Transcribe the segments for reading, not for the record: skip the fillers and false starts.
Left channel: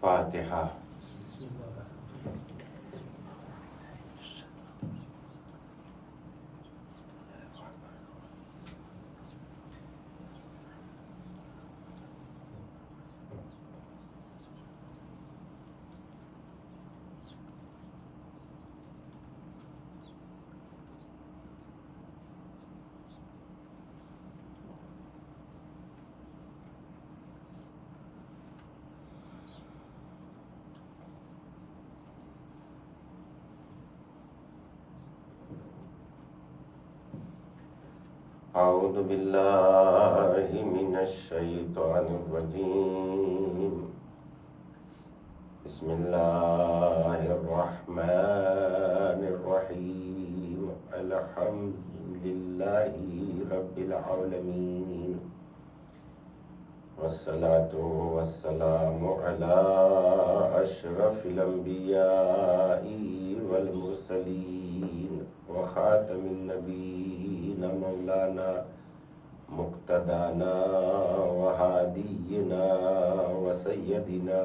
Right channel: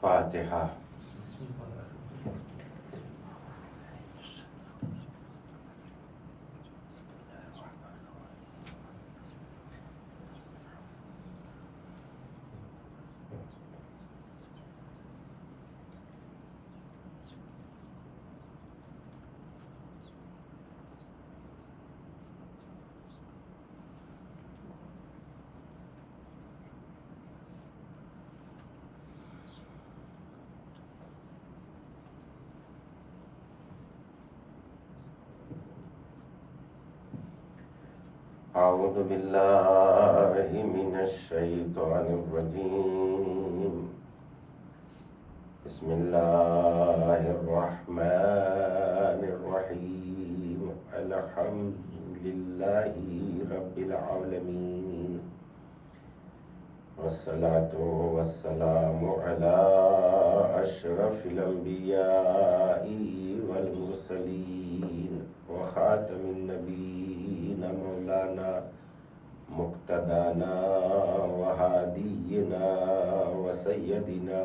فاتحہ۔ اعوذ باللہ من الشیطان الرجیم، بسم اللہ الرحمن الرحیم، الحمد للہ رب العالمین، والصلاة والسلام علی اشرف الانبیاء والمرسلین وخاتم النبیین مولانا مقتدانا وہادینا وسیدنا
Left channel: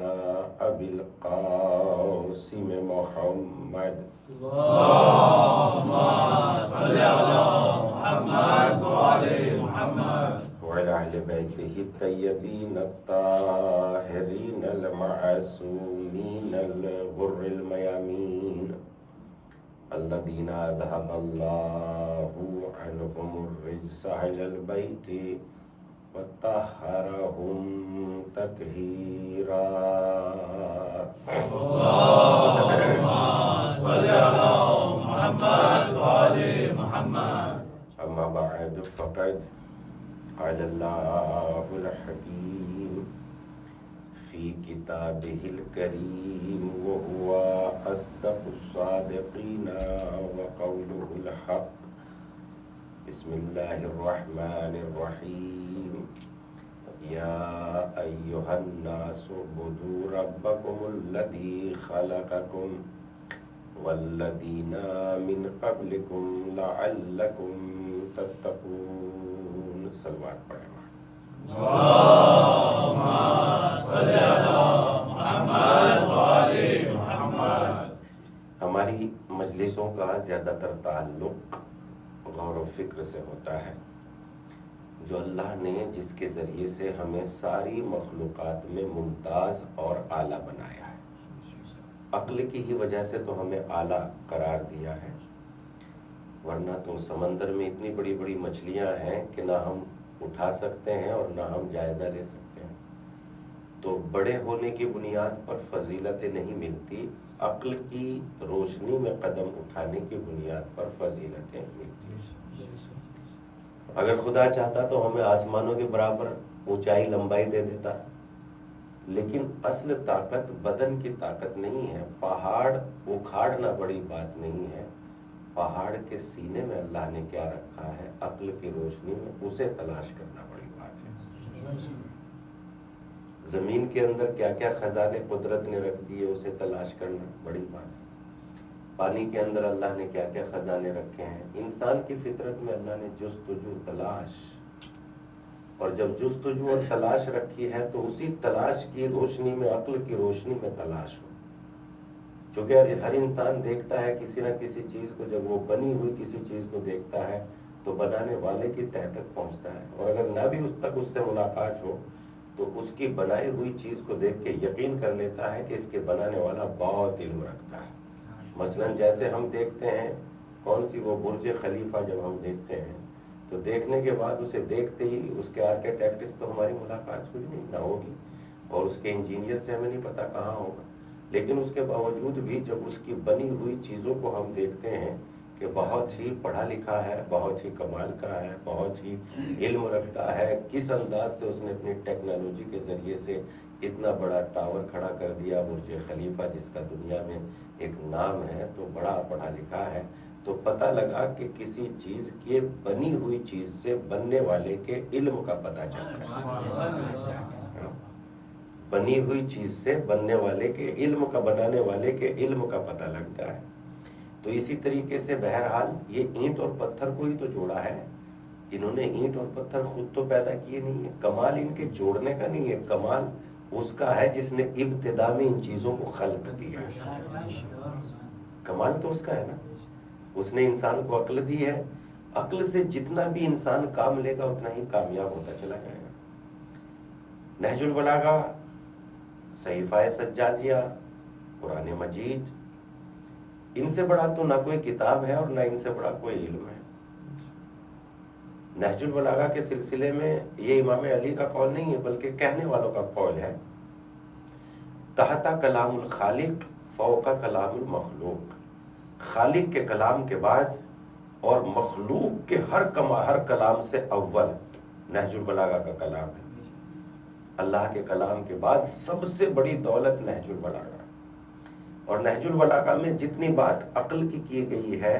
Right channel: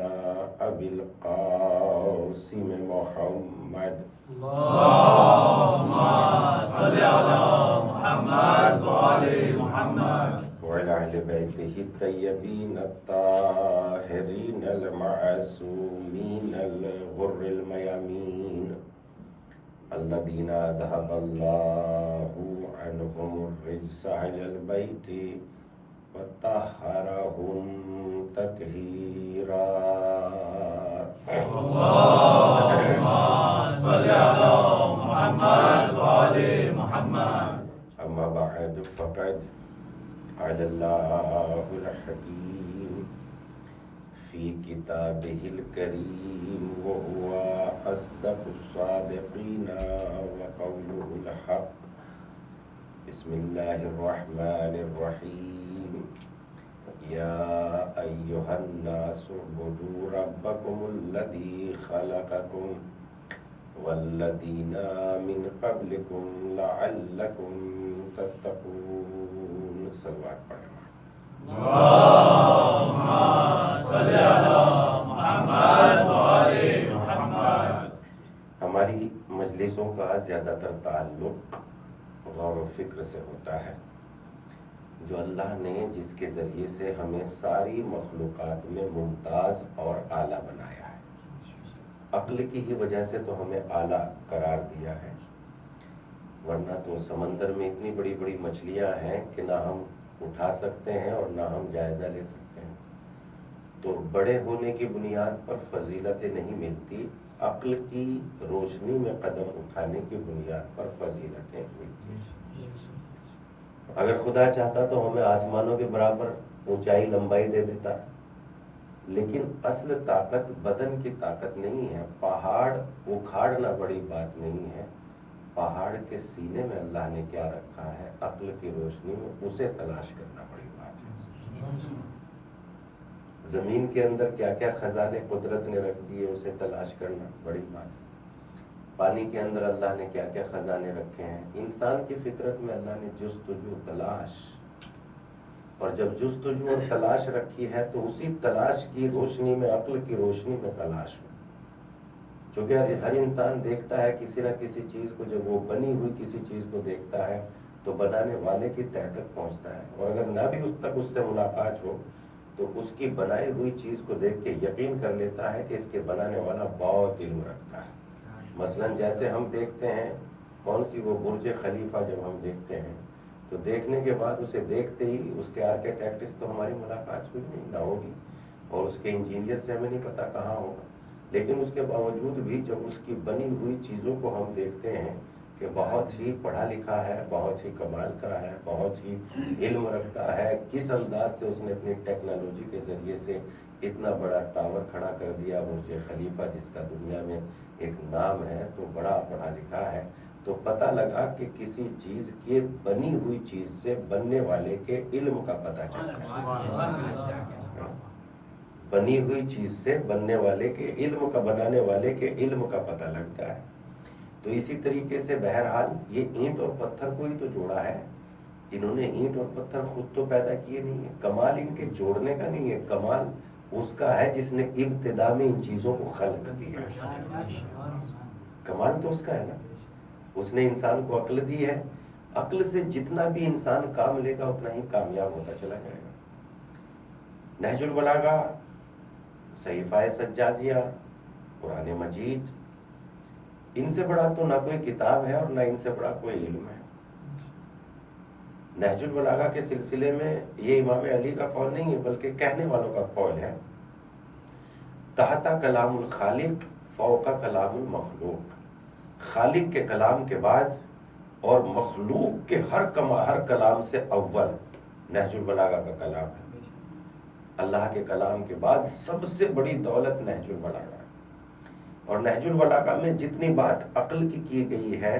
ابی القاسم محمد اللهم صل على محمد وآل محمد وعلى أهل بيته الطيبين الطاهرين المعصومين الغر الميامين الذين أذهب الله عنهم الرجس أهل البيت وطهرهم تطهيرا. اللهم صل على محمد وآل محمد. أما بعد فقد قال الله الحكيم في كتابه الكريم وهو أصدق الصادقين وقوله الحق. بسم الله الرحمن الرحيم. يا أيها الناس اعبدوا ربكم الذي خلقكم والذين من قبلكم لعلكم تتقون. صلوات پڑھیں. اللهم صل على محمد وآل محمد. ہماری مجلسوں کا زیادہ تر تعلق غور و فکر سے ہوتا ہے، جو اللہ نے جس کے ذریعے سے ہمیں ساری مخلوقات میں ممتاز اور اعلیٰ بنایا ہے. عقل کی ہی وجہ سے تو ہمیں اعلیٰ قرار دیا ہے، ورنہ تو سمندر میں اتنی بڑی بڑی مچھلیاں ہیں کہ نہ ہم اٹھا سکتے ہیں اور نہ ہم جائزہ لے سکتے ہیں. تو بڑے ہونے کی بنیاد پر فضیلتیں نہیں ملتی، عقل کی روشنی میں قدم اٹھانے کی بنیاد پر فضیلتیں ملتی ہیں. اگر خدا چاہتا تو ہمیں آسمانوں کے برابر اونچائی لمبائی دے دیتا، لیکن اصل طاقت بدن کی طاقت نہیں ہے. پہاڑ اکھاڑنا بڑی بات نہیں ہے، پہاڑ کے سینے میں اللہ نے کیا رکھا ہے عقل کی روشنی میں اسے تلاش کرنا بڑی بات ہے. زمین کے اندر کیا کیا خزانے قدرت نے رکھ دیے اسے تلاش کرنا بڑی بات ہے. پانی کے اندر اللہ نے کیا کیا خزانے رکھے ہیں. انسان کی فطرت میں اللہ نے جستجو تلاش، اور جب جستجو اور تلاش رکھی ہے تو اسی تلاش کی روشنی میں عقل کی روشنی میں تلاش ہو. چونکہ ہر انسان دیکھتا ہے کسی نہ کسی چیز کو، جب وہ بنی ہوئی کسی چیز کو دیکھتا ہے تو بنانے والے کی تہ تک پہنچتا ہے، اور اگر نہ بھی اس تک اس سے ملاقات ہو تو اس کی بنائی ہوئی چیز کو دیکھ کے یقین کر لیتا ہے کہ اس کے بنانے والا بہت علم رکھتا ہے. مثلا جیسے ہم دیکھتے ہیں کون سی وہ برج خلیفہ، جب ہم دیکھتے ہیں تو دیکھنے کے بعد اسے دیکھتے ہی اس کے آرکیٹیکٹ سے تو ہماری ملاقات ہوئی نہیں، نہ ہوگی، اور اس کے انجینئر سے ہمیں نہیں پتا کہاں ہوگا. لیکن اس کے باوجود بھی جب اس کی بنی ہوئی چیزوں کو ہم دیکھتے ہیں کہ بہت ہی پڑھا لکھا ہے، بہت ہی کمال کا ہے، بہت ہی علم رکھتا ہے، کس انداز سے اس نے اپنی ٹیکنالوجی کے ذریعے سے اتنا بڑا ٹاور کھڑا کر دیا برج خلیفہ، جس کا دنیا میں ایک نام ہے، تو بڑا پڑھا لکھا ہے. تو پتہ لگا کہ کسی چیز کے بنی ہوئی چیز سے بننے والے کے علم کا پتہ چلتا ہے. بنی ہوئی چیز سے بننے والے کے علم کا، بنانے والے کے علم کا پتہ لگتا ہے. تو اسی طریقے سے بہرحال یہ اینٹ اور پتھر کو ہی تو جوڑا ہے. انہوں نے اینٹ اور پتھر خود تو پیدا کیے نہیں ہے. کمال ان کے جوڑنے کا نہیں ہے، کمال اس کا ہے جس نے ابتدا میں ان چیزوں کو خلق کیا. کمال تو اس کا ہے نا. اس نے انسان کو عقل دی ہے. عقل سے جتنا بھی انسان کام لے گا اتنا ہی کامیاب ہوتا چلا جائے گا. نہج البلاغہ، صحیفہ سجادیہ، قرآن مجید، ان سے بڑا تو نہ کوئی کتاب ہے اور نہ ان سے بڑا کوئی علم ہے. نہج البلاغہ کے سلسلے میں یہ امام علی کا قول نہیں ہے بلکہ کہنے والوں کا قول ہے. تحت کلام الخالق فوق کلام المخلوق. خالق کے کلام کے بعد اور مخلوق کے ہر کلام سے اول نہج البلاغہ کا کلام ہے. اللہ کے کلام کے بعد سب سے بڑی دولت نہج البلاغہ ہے. اور نہج البلاغہ میں جتنی بات عقل کی گئی ہے،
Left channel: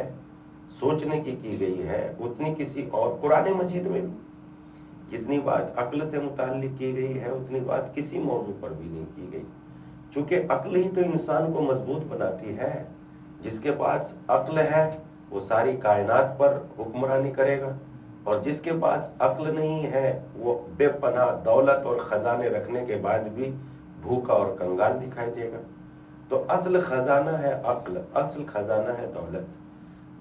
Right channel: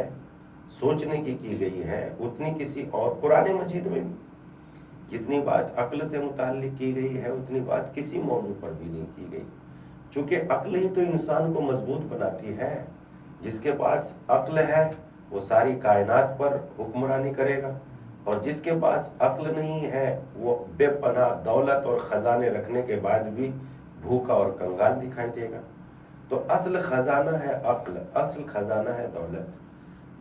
سوچنے کی گئی ہے، اتنی کسی اور قرآن مجید میں بھی جتنی بات عقل سے متعلق کی گئی ہے اتنی بات کسی موضوع پر بھی نہیں کی گئی. چونکہ عقل ہی تو انسان کو مضبوط بناتی ہے. جس کے پاس عقل ہے وہ ساری کائنات پر حکمرانی کرے گا، اور جس کے پاس عقل نہیں ہے وہ بے پناہ دولت اور خزانے رکھنے کے بعد بھی بھوکا اور کنگال دکھائی دے گا. تو اصل خزانہ ہے عقل، اصل خزانہ ہے دولت.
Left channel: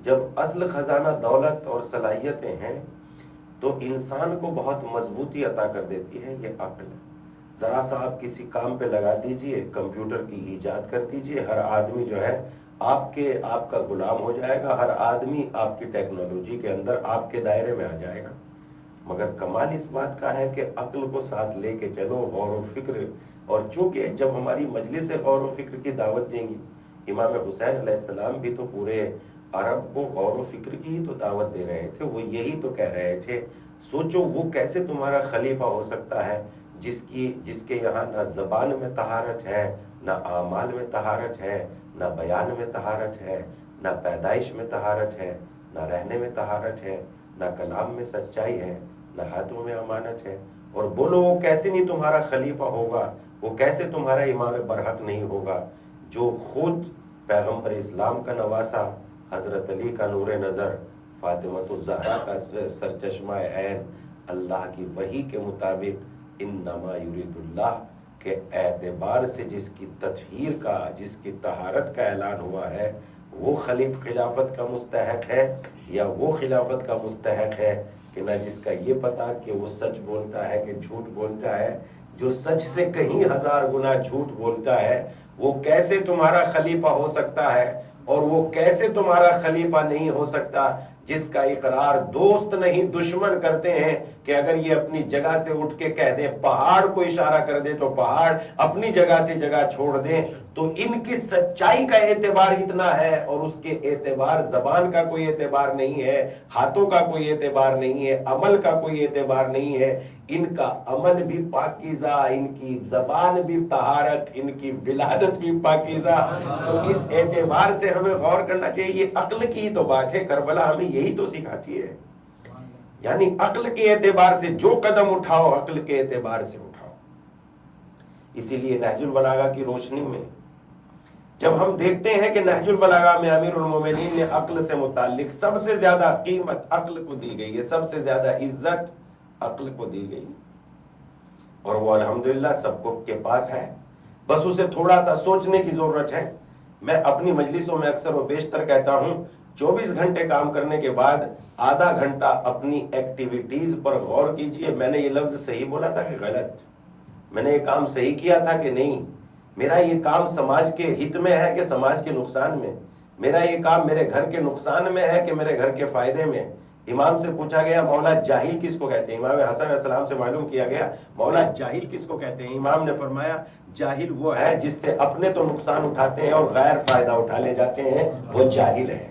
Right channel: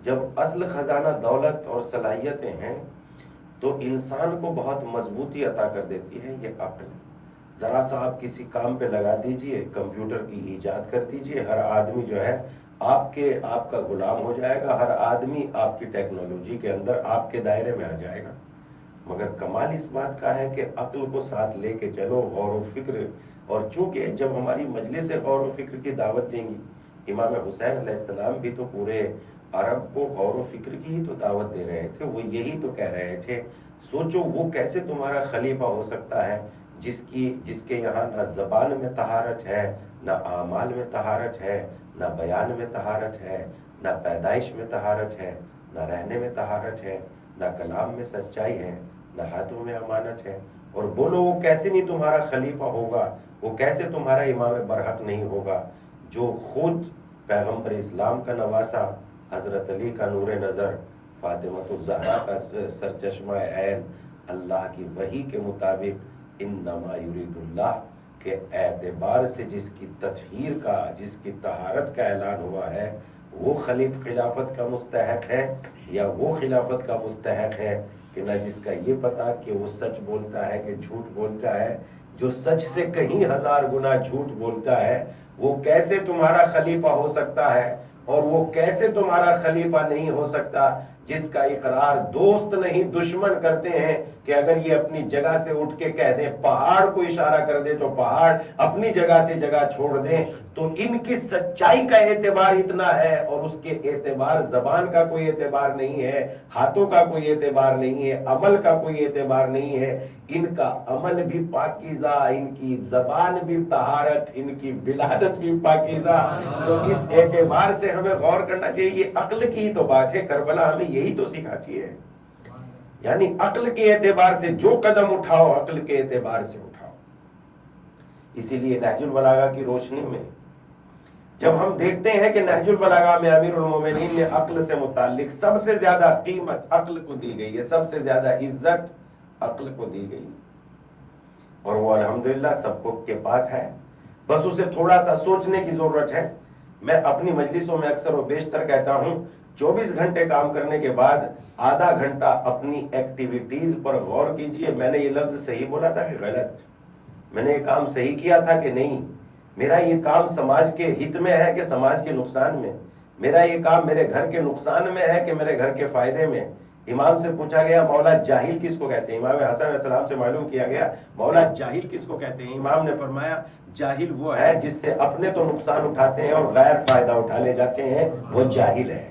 جب اصل خزانہ دولت اور صلاحیتیں ہیں تو انسان کو بہت مضبوطی عطا کر دیتی ہے یہ عقل. ذرا سا آپ کسی کام پہ لگا دیجئے، کمپیوٹر کی ایجاد کر دیجئے، ہر آدمی جو ہے آپ کا غلام ہو جائے گا. ہر آدمی آپ کی ٹیکنالوجی کے اندر آپ کے دائرے میں آ جائے گا. مگر کمال اس بات کا ہے کہ عقل کو ساتھ لے کے چلو، غور و فکر. اور چونکہ جب ہماری مجلس غور و فکر کی دعوت دیں گی، امام حسین علیہ السلام بھی تو پورے عرب کو غور و فکر کی ہی تو دعوت دے رہے تھے. وہ یہی تو کہہ رہے تھے سوچو وہ کیسے تمہارا خلیفہ ہو سکتا ہے جس کے یہاں نہ زبان میں طہارت ہے، نہ اعمال میں طہارت ہے، نہ بیان میں طہارت ہے، نہ پیدائش میں طہارت ہے، نہ رہنے میں طہارت ہے، نہ کلام میں سچائی ہے، نہ ہاتھوں میں امانت ہے. اور بولو وہ کیسے نہیں تمہارا خلیفہ ہوگا، وہ کیسے تمہارا امام برحق نہیں ہوگا جو خود پیغمبر اسلام کا نواسا، حضرت علی کا نور نظر، فاطمۃ الزہرا کا سرچشمہ عین، اللہ کی وحی کے مطابق انما یرید اللہ کے اعتبار سے جس کی تطہیر کا، جس کی طہارت کا اعلان ہوا ہے، وہ خلافت کا مستحق ہے یا وہ خلافت کا مستحق ہے کہ نہ جس کا یہ پتا کہ وہ سچ بولتا ہے کہ جھوٹ بولتا ہے. جو سچ سے کہیں ہزار گنا جھوٹ بولتا ہے وہ کیسے تمہارا خلیفہ ہو سکتا ہے، اور وہ کیسے تمہارا خلیفہ نہیں ہو سکتا جس کا اقرار دوست نہیں دشمن کرتے ہیں کہ اگر یہ اپنی جگہ سے اٹھ کے کہہ دیں، پہاڑ کو اشارہ کر دے تو پہاڑ اپنی جگہ سے جگہ چھوڑ دیں. تو ان کی سچائی کا اعتبار اتنا ہے اور اس کے اعتبار زبان کا کوئی اعتبار نہیں ہے، ہاتھوں کا کوئی اعتبار نہیں ہے، عمل کا کوئی اعتبار نہیں ہے. ان کا عمل بھی پاکیزہ، ان کی زبان بھی طہارت، ان کی ولادت بھی پاکیزہ. تو اس اعتبار سے ہمیں غور کرنا چاہیے. یہ عقل کی ہی تو بات ہے. کربلا ہمیں یہی تو سکھاتی ہے. یعنی عقل کے اعتبار سے جو قدم اٹھاؤ عقل کے اعتبار سے اٹھاؤ. اسی لیے نہج البلاغہ کی روشنی میں جب ہم دیکھتے ہیں کہ نہج البلاغہ میں امیر المومنین نے عقل سے متعلق سب سے زیادہ قیمت عقل کو دی گئی ہے، سب سے زیادہ عزت عقل کو دی گئی، اور وہ الحمدللہ سب کو کے پاس ہے. بس اسے تھوڑا سا سوچنے کی ضرورت ہے. میں اپنی مجلسوں میں اکثر و بیشتر کہتا ہوں 24 گھنٹے کام کرنے کے بعد آدھا گھنٹہ اپنی ایکٹیویٹیز پر غور کیجئے. میں نے یہ لفظ صحیح بولا تھا کہ غلط؟ میں نے یہ کام صحیح کیا تھا کہ نہیں؟ میرا یہ کام سماج کے ہت میں ہے کہ سماج کے نقصان میں؟ میرا یہ کام میرے گھر کے نقصان میں ہے کہ میرے گھر کے فائدے میں؟ امام سے پوچھا گیا مولا جاہل کس کو کہتے ہیں؟ امام حسن علیہ السلام سے معلوم کیا گیا مولا جاہل کس کو کہتے ہیں؟ امام نے فرمایا جاہل وہ ہے جس سے اپنے تو نقصان اٹھاتے ہیں اور غیر فائدہ اٹھا لے جاتے ہیں، وہ جاہل ہے.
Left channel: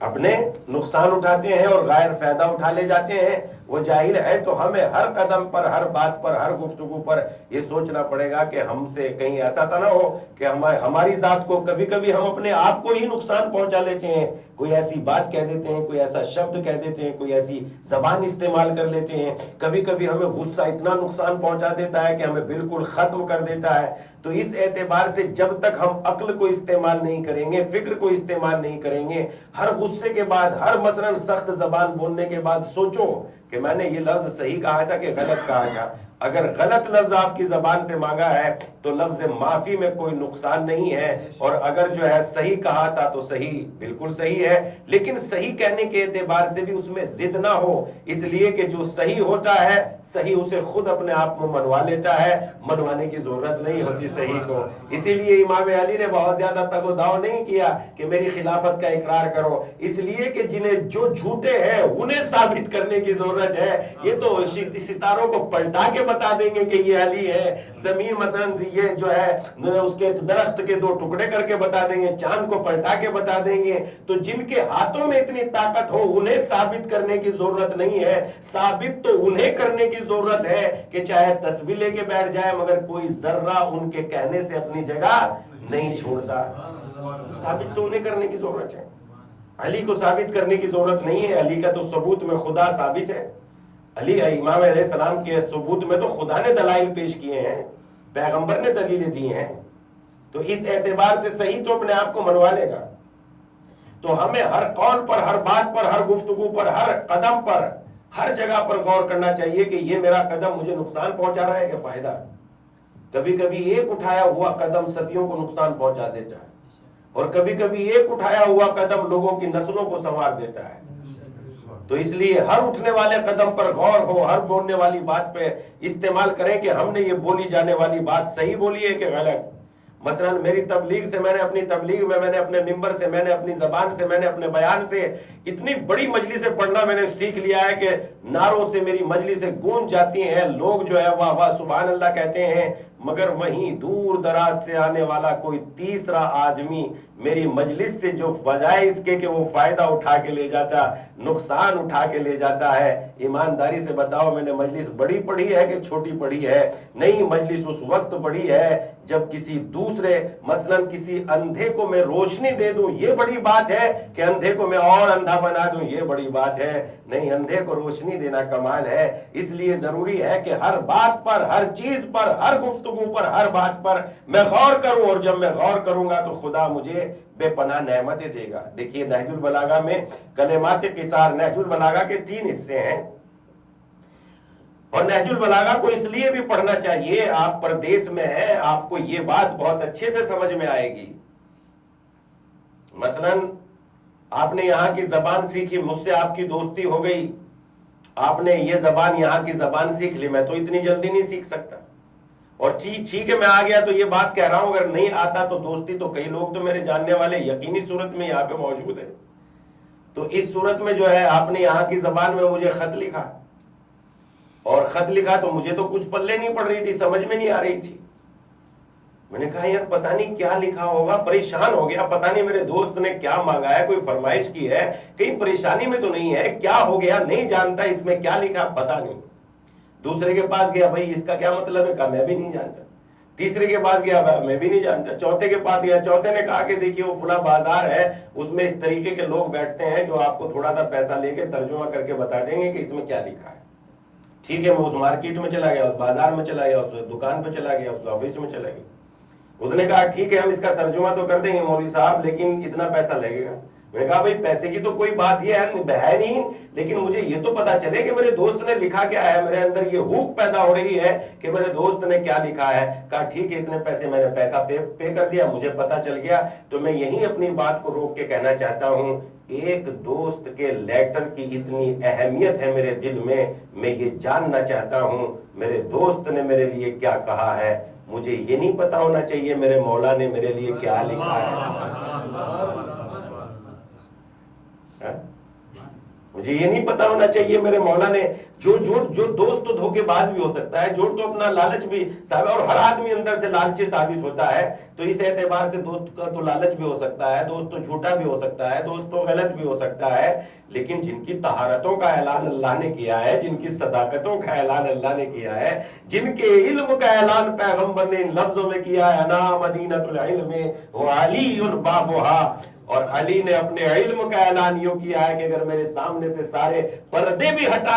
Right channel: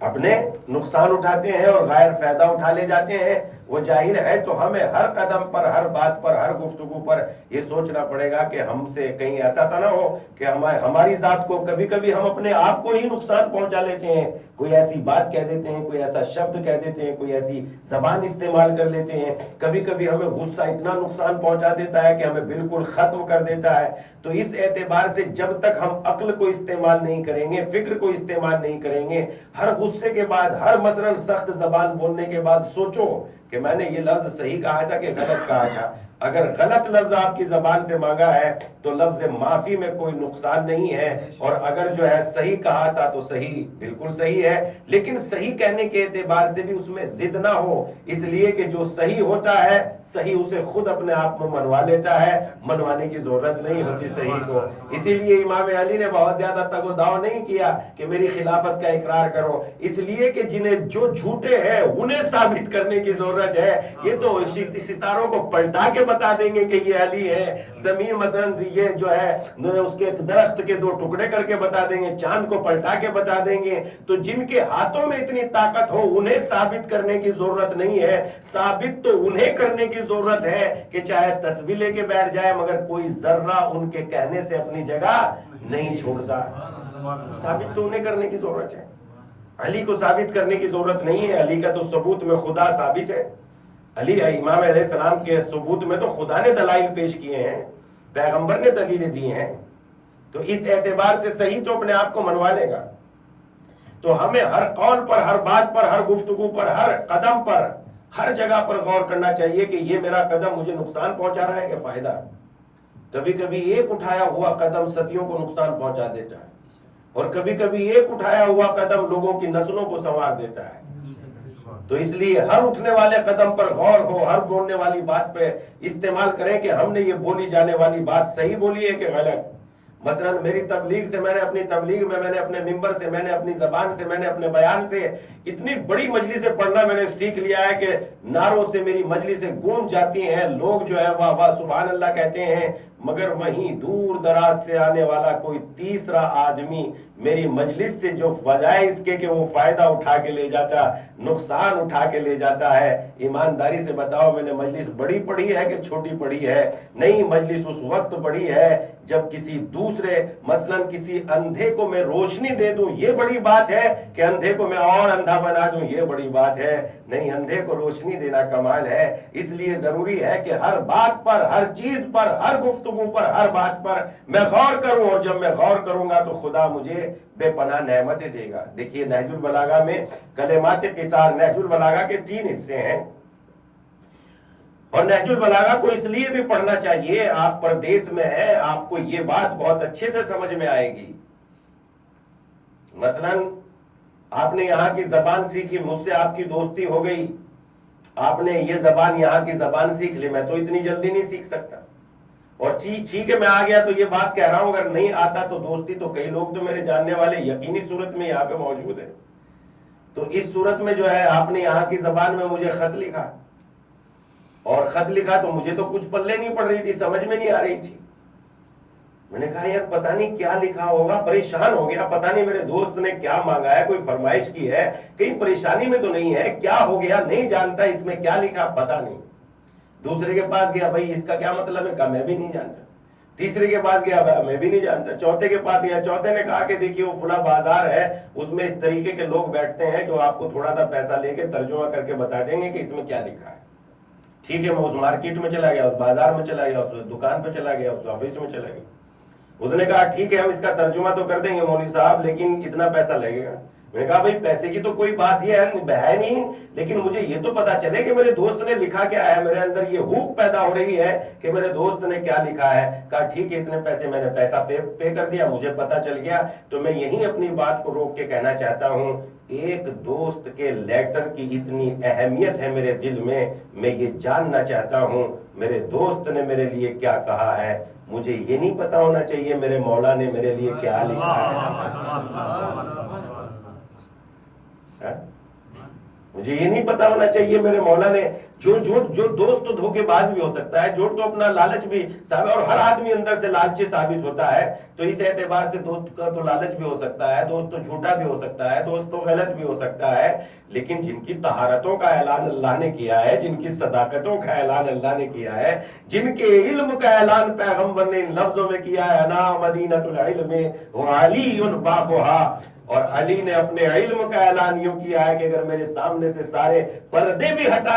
اپنے نقصان اٹھاتے ہیں اور غیر فائدہ اٹھا لے جاتے ہیں، وہ جاہل ہے. تو ہمیں ہر قدم پر، ہر بات پر، ہر گفتگو پر یہ سوچنا پڑے گا کہ ہم سے کہیں ایسا تو نہ ہو کہ ہماری ذات کو کبھی کبھی ہم اپنے آپ کو ہی نقصان پہنچا لیتے ہیں. کوئی ایسی بات کہہ دیتے ہیں، کوئی ایسا شبد کہہ دیتے ہیں، کوئی ایسی زبان استعمال کر لیتے ہیں. کبھی کبھی ہمیں غصہ اتنا نقصان پہنچا دیتا ہے کہ ہمیں بالکل ختم کر دیتا ہے. تو اس اعتبار سے جب تک ہم عقل کو استعمال نہیں کریں گے، فکر کو استعمال نہیں کریں گے، ہر غصے کے بعد، ہر مثلاً سخت زبان بولنے کے بعد سوچو کہ میں نے یہ لفظ صحیح کہا تھا کہ غلط کہا تھا. اگر غلط لفظ آپ کی زبان سے مانگا ہے تو لفظ معافی میں کوئی نقصان نہیں ہے، اور اگر جو ہے صحیح کہا تھا تو صحیح بالکل صحیح ہے، لیکن صحیح کہنے کے اعتبار سے بھی اس میں ضد نہ ہو، اس لیے کہ جو صحیح ہوتا ہے صحیح اسے خود اپنے آپ میں منوا لیتا ہے، منوانے کی ضرورت نہیں ہوتی صحیح کو۔ اسی لیے امام علی نے بہت زیادہ تگ و داؤ نہیں کیا کہ میری خلافت کا اقرار کرو، اس لیے کہ جنہیں جو جھوٹے ہیں انہیں ثابت کرنے کی ضرورت ہے۔ یہ تو ستاروں کو پلٹا کے بتا دیں گے کہ یہ علی ہے، زمین مثلا یہ جو ہے اس کے درخت کے دو ٹکڑے کر کے بتا دیں گے، چاند کو پلٹا کے بتا دیں گے۔ تو جن کے ہاتھوں میں اتنی طاقت ہو انہیں ثابت کرنے کی ضرورت نہیں ہے، ثابت تو انہیں کرنے کی ضرورت ہے کہ چاہے تسبیح لے کے بیٹھ جائے مگر کوئی ذرہ ان کے کہنے سے اپنی جگہ نہیں چھوڑتا۔ ثابت تو انہیں کرنے کی ضرورت ہے، علی کو ثابت کرنے کی ضرورت نہیں ہے۔ علی کا تو ثبوت میں خدا ثابت ہے، علی امام علیہ السلام کے ثبوت میں تو خدا نے دلائل پیش کیے ہیں، پیغمبر نے دلیلیں دی ہیں، تو اس اعتبار سے صحیح تو اپنے آپ کو منوا لے گا۔ تو ہمیں ہر قول پر، ہر بات پر، ہر گفتگو پر، ہر قدم پر، ہر جگہ پر غور کرنا چاہیے کہ یہ میرا قدم مجھے نقصان پہنچا رہا ہے کہ فائدہ۔ کبھی کبھی ایک اٹھایا ہوا قدم صدیوں کو نقصان پہنچا دیتا ہے، اور کبھی کبھی ایک اٹھایا ہوا قدم لوگوں کی نسلوں کو سنوار دیتا ہے۔ تو اس لیے ہر اٹھنے والے قدم پر غور ہو، ہر بولنے والی بات پہ استعمال کریں کہ ہم نے یہ بولی جانے والی بات صحیح بولی ہے کہ غلط۔ مثلا میری تبلیغ سے، میں نے اپنی تبلیغ میں، میں نے اپنے ممبر سے، میں نے اپنی زبان سے، میں نے اپنے بیان سے اتنی بڑی مجلسیں پڑھنا میں نے سیکھ لیا ہے کہ نعروں سے میری مجلسیں گونج جاتی ہیں، لوگ جو ہے واہ واہ سبحان اللہ کہتے ہیں، مگر وہیں دور دراز سے آنے والا کوئی تیسرا آدمی میری مجلس سے جو بجائے اس کے کہ وہ فائدہ اٹھا کے لے جاتا، نقصان اٹھا کے لے جاتا ہے۔ ایمانداری سے بتاؤ میں نے مجلس بڑی پڑھی ہے کہ چھوٹی پڑھی ہے؟ نہیں، مجلس اس وقت پڑھی ہے جب کسی دوسرے، مثلا کسی اندھے کو میں روشنی دے دوں، یہ بڑی بات ہے کہ اندھے کو میں اور اندھا بنا دوں، یہ بڑی بات ہے؟ نہیں، اندھے کو روشنی دینا کمال ہے۔ اس لیے ضروری ہے کہ ہر بات پر، ہر چیز پر، ہر گفتگو پر، ہر بات پر میں غور کروں، اور جب میں غور کروں گا تو خدا مجھے بے پناہ نعمتیں دے گا۔ دیکھیے نہج البلاغہ میں کلمات قصار، نہج البلاغہ کے 3 حصے ہیں، اور نہج البلاغہ کو اس لیے بھی پڑھنا چاہیے، آپ پردیس میں ہیں، آپ کو یہ بات بہت اچھے سے سمجھ میں آئے گی۔ مثلا آپ نے یہاں کی زبان سیکھی، مجھ سے آپ کی دوستی ہو گئی، آپ نے یہ زبان، یہاں کی زبان سیکھ لی، میں تو اتنی جلدی نہیں سیکھ سکتا، اور ٹھیک ہے میں آ گیا تو یہ بات کہہ رہا ہوں، اگر نہیں آتا تو دوستی تو کئی لوگ تو میرے جاننے والے یقینی صورت میں یہاں پہ موجود ہیں۔ تو اس صورت میں جو ہے آپ نے یہاں کی زبان میں مجھے خط لکھا، اور خط لکھا تو مجھے تو کچھ پلے نہیں پڑ رہی تھی، سمجھ میں نہیں آ رہی تھی۔ میں نے کہا یار پتہ نہیں کیا لکھا ہوگا، پریشان ہو گیا، پتہ نہیں میرے دوست نے کیا مانگا ہے، کوئی فرمائش کی ہے، کہیں پریشانی میں تو نہیں ہے، کیا ہو گیا نہیں جانتا، اس میں کیا لکھا پتہ نہیں۔ دوسرے کے پاس گیا، بھائی اس کا کیا مطلب ہے؟ کہا میں بھی نہیں جانتا۔ تیسرے کے پاس گیا، میں بھی نہیں جانتا۔ چوتھے کے پاس گیا، چوتھے نے کہا کہ دیکھیے وہ فلاں بازار ہے، اس میں اس طریقے کے لوگ بیٹھتے ہیں جو آپ کو تھوڑا سا پیسہ لے کے ترجمہ کر کے بتا دیں گے کہ اس میں کیا لکھا ہے۔ ٹھیک ہے، میں اس مارکیٹ میں چلا گیا، اس بازار میں چلا گیا، اس دکان پہ چلا گیا، اس آفس میں چلا گیا۔ اس نے کہا ٹھیک ہے ہم اس کا ترجمہ تو کر دیں گے مولوی صاحب، لیکن اتنا پیسہ لگے گا۔ میں نے کہا بھائی پیسے کی تو کوئی بات یہ ہے نہیں، لیکن مجھے یہ تو پتا چلے کہ میرے دوست نے لکھا کیا ہے، میرے اندر یہ ہوپ پیدا ہو رہی ہے کہ میرے دوست نے کیا لکھا ہے۔ کہا ٹھیک ہے اتنے پیسے، میں نے پیسہ پے کر دیا، مجھے پتا چل گیا۔ تو میں یہی اپنی بات کو روک کے کہنا چاہتا ہوں، ایک دوست کے لیٹر کی اتنی اہمیت ہے میرے دل میں یہ جاننا چاہتا ہوں میرے دوست نے میرے لیے کیا کہا ہے۔ مجھے یہ نہیں پتا ہونا چاہیے میرے مولا نے میرے لیے کیا لکھا ہے، مجھے یہ نہیں پتا ہونا چاہیے میرے مولا نے۔ جو دوست تو دھوکے باز بھی ہو سکتا ہے، جھوٹ تو اپنا لالچ بھی ثابت، اور ہر آدمی اندر سے لالچی ثابت ہوتا ہے، تو اس اعتبار سے دوست کا تو لالچ بھی ہو سکتا ہے، دوست تو جھوٹا بھی ہو سکتا ہے، دوست تو غلط بھی ہو سکتا ہے، لیکن جن کی طہارتوں کا اعلان اللہ نے کیا ہے، جن کی صداقتوں کا اعلان اللہ نے کیا ہے، جن کے علم کا اعلان پیغمبر نے ان لفظوں میں کیا ہے، انا مدینۃ العلم وعلی بابھا، اور علی نے اپنے علم کا اعلان یوں کیا ہے کہ اگر میرے سامنے سے سارے پردے بھی ہٹا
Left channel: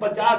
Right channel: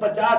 50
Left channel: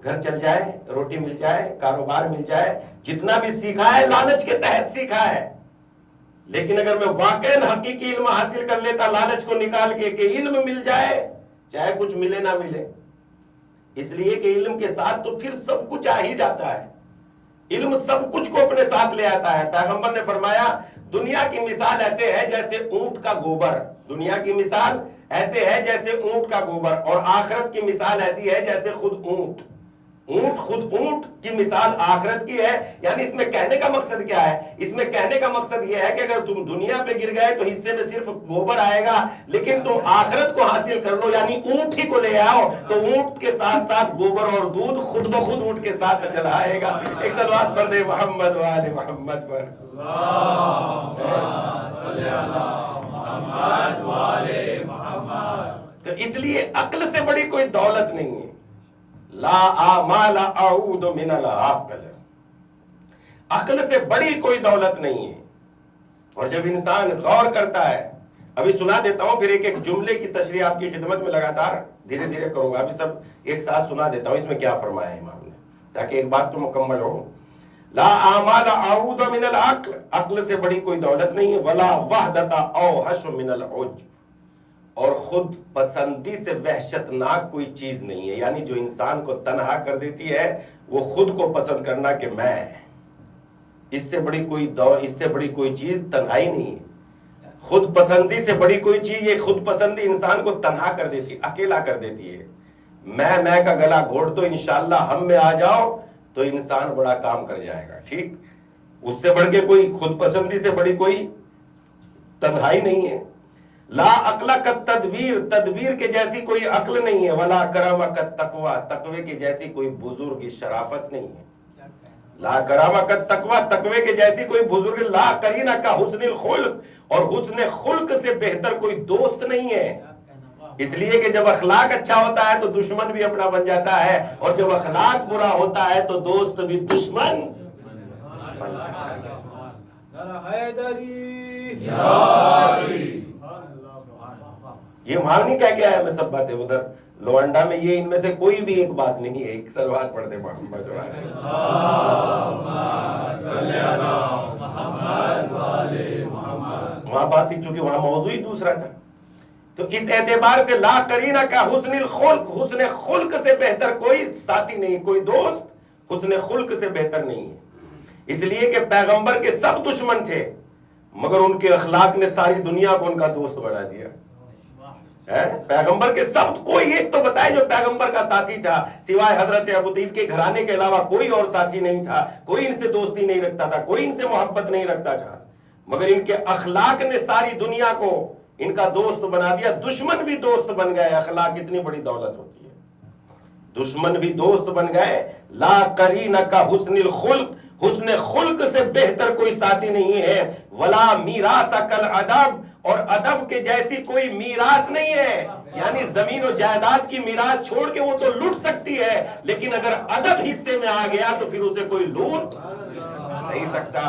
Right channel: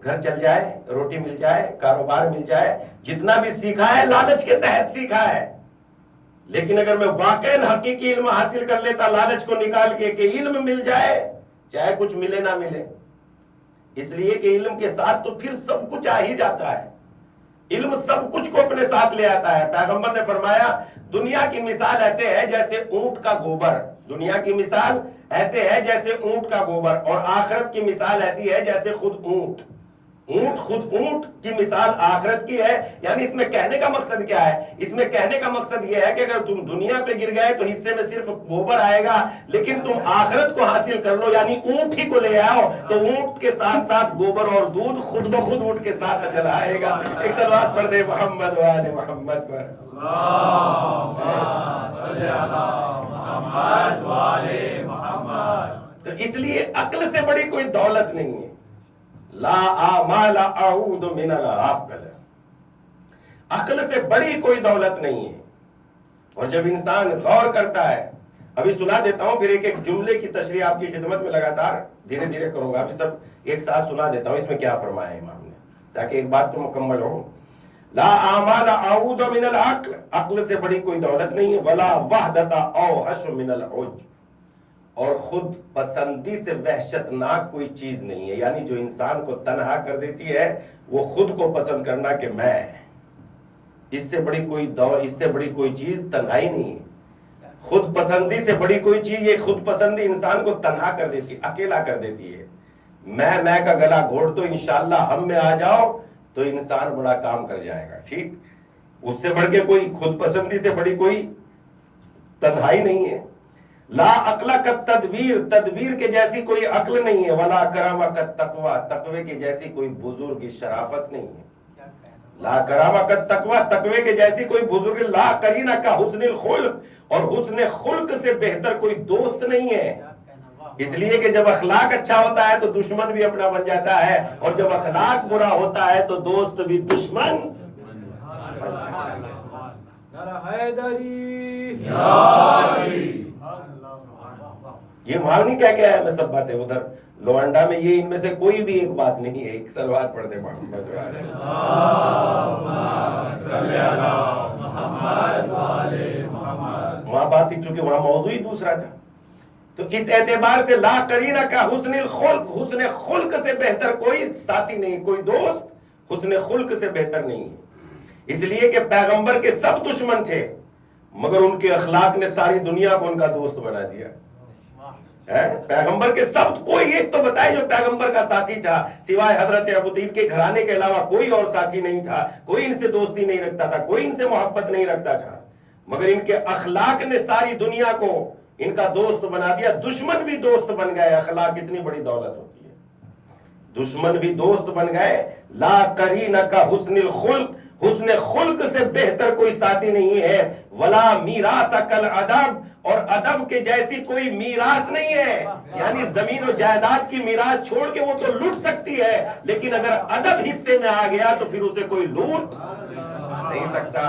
گھر چل جائے، روٹی مل جائے، کاروبار مل جائے، جتنا بھی سیکھا ہے لالچ کے تحت سیکھا ہے. لیکن اگر میں واقعی حقیقی علم حاصل کر لیتا لالچ کو نکال کے کہ علم مل جائے چاہے کچھ ملے نہ ملے، اس لیے کہ علم کے ساتھ تو پھر سب کچھ آ ہی جاتا ہے. علم سب کچھ کو اپنے ساتھ لے آتا ہے. پیغمبر نے فرمایا دنیا کی مثال ایسے ہے جیسے اونٹ کا گوبر، دنیا کی مثال ایسے ہے جیسے اونٹ کا گوبر، اور آخرت کی مثال ایسی ہے جیسے خود اونٹ. خود اونٹ کی مثال آخرت کی ہے. یعنی اس میں کہنے کا مقصد کیا ہے؟ اس میں کہنے کا مقصد یہ ہے کہ اگر تم دنیا پہ گر گئے تو حصے میں صرف گوبر آئے گا، لیکن تم آخرت کو حاصل کر لو یعنی اونٹ ہی کو لے آؤ تو اونٹ کے ساتھ ساتھ گوبر اور دودھ خود بخود اونٹ کے ساتھ چلا آئے گا. ایک صلوات پڑھ دے محمد و آل محمد پر. تو اس لیے عقل سے بڑی کوئی دولت نہیں ہے. لا آمال اعود من العقل، عقل سے بڑی کوئی دولت نہیں ہے. اور جب انسان غور کرتا ہے، ابھی سنا دیتا ہوں پھر ایک ایک جملے کی تشریح آپ کی خدمت میں لگاتار دھیرے دھیرے کروں گا. ابھی سب ایک ساتھ سنا دیتا ہوں اس میں کیا فرمایا ہے امام نے، تاکہ ایک بات تو مکمل ہو. لا آمال اعود من العقل، عقل سے بڑی کوئی دولت نہیں ہے. ولا وحدت اوحش من العجب، اور خود پسندی سے وحشتناک کوئی چیز نہیں ہے. یعنی جو انسان کو تنہا کر دیتی ہے وہ خود کو پسند کرنا کہ میں، اس سے بڑی کوئی چیز تنہائی نہیں ہے. خود پسندی سے بڑی کوئی چیز، یہ خود پسندی انسان کو تنہا کر دیتی، اکیلا کر دیتی ہے. میں کا گلا گھونٹ دو، انشاءاللہ ہم میں آ جاؤ تو انسان بڑا کام کر جائے گا. ٹھیک، اس سے بڑھ کے کوئی خود پسندی سے بڑی کوئی تنہائی نہیں ہے. لا عقل کا تدبیر، تدبیر کے جیسی کوئی عقل نہیں ہے. ولا کرم کا تقوی، تقوی کی جیسی کوئی بزرگ شرافت نہیں ہے. لا کرم کا تقوی، تقوی کے جیسی کوئی بزرگ. لا کرینہ کا حسن الخلق، اور حسن خلق سے بہتر کوئی دوست نہیں ہے. اس لیے کہ جب اخلاق اچھا ہوتا ہے تو دشمن بھی اپنا بن جاتا ہے، اور جب اخلاق برا ہوتا ہے تو دوست بھی دشمن بن جاتا ہے. یہ مانگ نہیں کیا ہے، میں سب باتیں ادھر لوانڈا میں یہ ان میں سے کوئی بھی ایک بات نہیں ہے. ایک صلوات پڑھ دے محمد وہاں بات ہی، چونکہ وہاں موضوع ہی دوسرا تھا. تو اس اعتبار سے لا کرینہ کا حسن الخلق، حسن خلق سے بہتر کوئی ساتھی نہیں، کوئی دوست حسن خلق سے بہتر نہیں ہے. اس لیے کہ پیغمبر کے سب دشمن تھے مگر ان کے اخلاق نے ساری دنیا کو ان کا دوست بنا دیا. پیغمبر کے سب، کوئی ایک تو بتائے جو پیغمبر کا ساتھی تھا سوائے حضرت ابو طالب کے گھرانے کے علاوہ کوئی اور ساتھی نہیں تھا. کوئی ان سے دوستی نہیں رکھتا تھا، کوئی ان سے محبت نہیں رکھتا تھا، مگر ان کے اخلاق نے ساری دنیا کو ان کا دوست بنا دیا. دشمن بھی دوست بن گئے. اخلاق کتنی بڑی دولت ہوتی ہے. دشمن بھی دوست بن گئے. لا کرینہ کا حسن الخلق، حسن خلق سے بہتر کوئی ساتھی نہیں ہے. ولا میراث کل ادب، اور ادب کے جیسی کوئی میراث نہیں ہے. یعنی زمین و جائیداد کی میراث چھوڑ کے وہ تو لوٹ سکتی ہے، لیکن اگر ادب حصے میں آ گیا تو پھر اسے کوئی لوٹ نہیں سکتا.